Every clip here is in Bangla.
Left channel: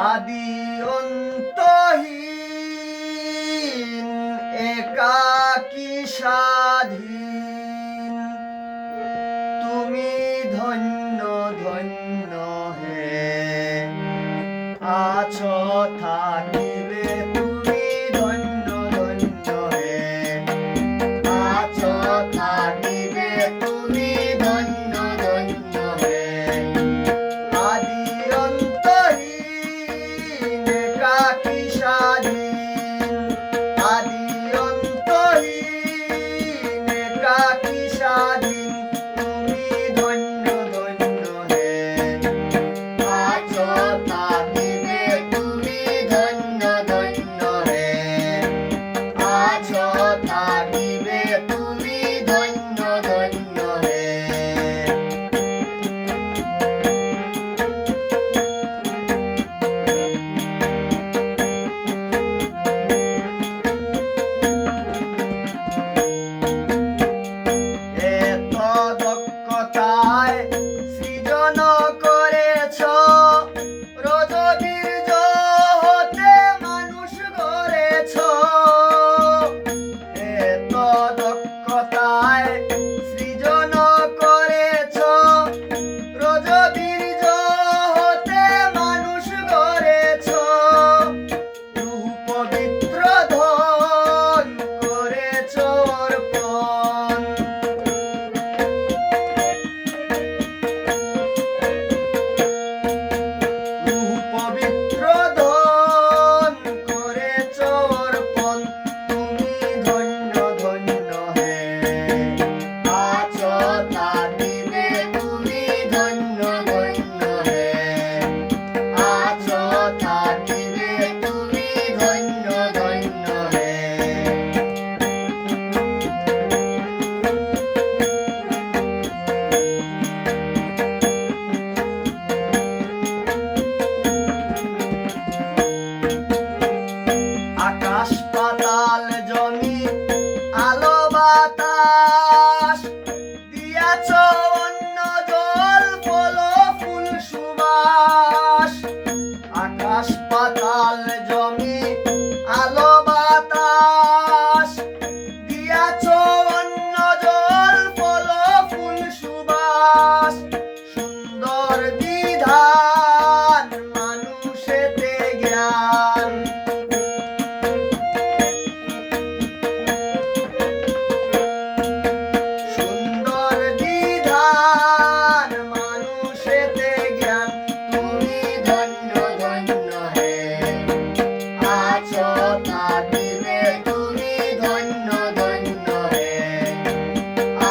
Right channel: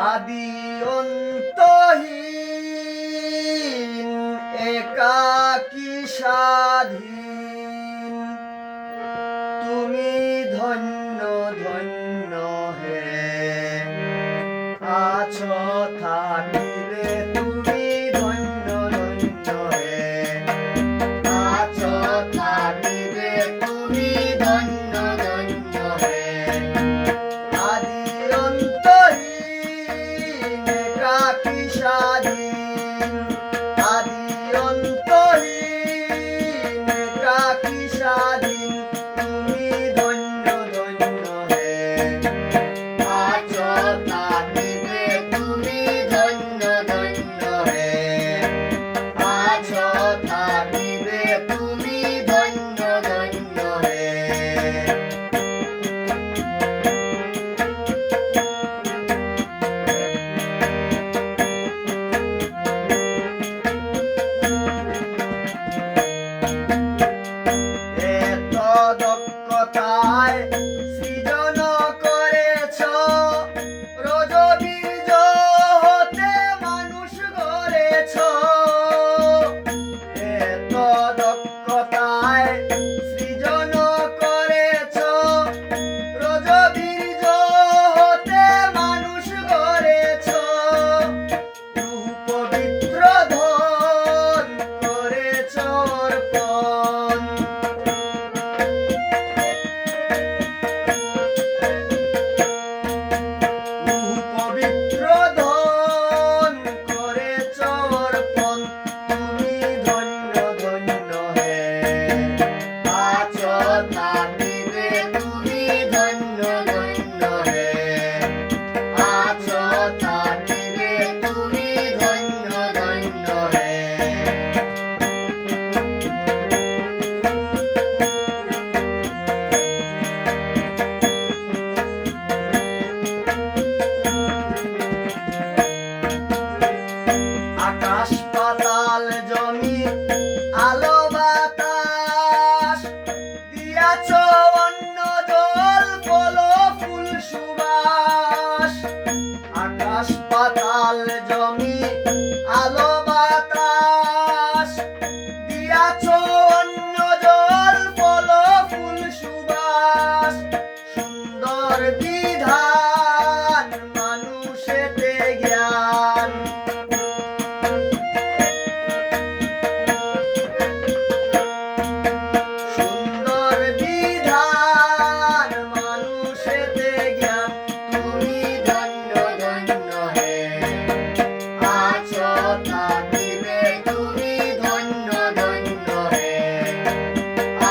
আদি অন্তহীন একাকী স্বাধীন তুমি ধন্য ধন্য হে আছো থাকিবে তুমি ধন্য ধন্য হে আছো থাকিবে তুমি ধন্য ধন্য হে আদি অন্তহীন একাকী স্বাধীন আদি অন্তহীন একাকী স্বাধীন তুমি ধন্য ধন্য হে আছো থাকিবে তুমি ধন্য ধন্য হে আছো থাকিবে তুমি ধন্য ধন্য হে দক্ষতায় সৃজন করেছ রজবীর্য হতে মানুষ গড়েছ এত দক্ষতায় সৃজন করেছ রজবীর্য হতে মানুষ গড়েছ পবিত্র ধন করেছ অর্পণ পবিত্র ধন করেছ অর্পণ তুমি ধন্য ধন্য হে আছো থাকিবে তুমি ধন্য ধন্য হে আছো থাকিবে তুমি ধন্য ধন্য হে আকাশ পাতাল জমি আলো বাতাস দিয়াছ অন্ন জল ফল ফুল সুবাস আকাশ পাতাল জমি আলো বাতাস দিয়াছ অন্ন জল ফল ফুল সুবাস সুন্দর বিধান মানুষেতে জ্ঞান সুন্দর বিধান মানুষেতে জ্ঞান তুমি ধন্য ধন্য হে আছো থাকিবে তুমি ধন্য ধন্য হে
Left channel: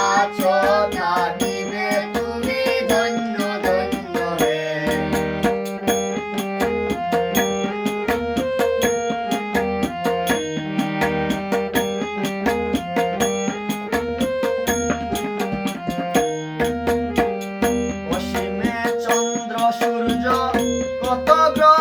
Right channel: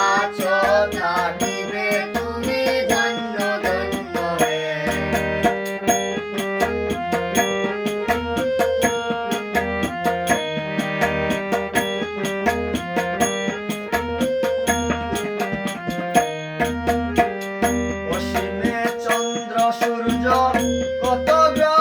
আছো থাকিবে তুমি ধন্য ধন্য হে অসীমে চন্দ্র সূর্য কত গ্রহ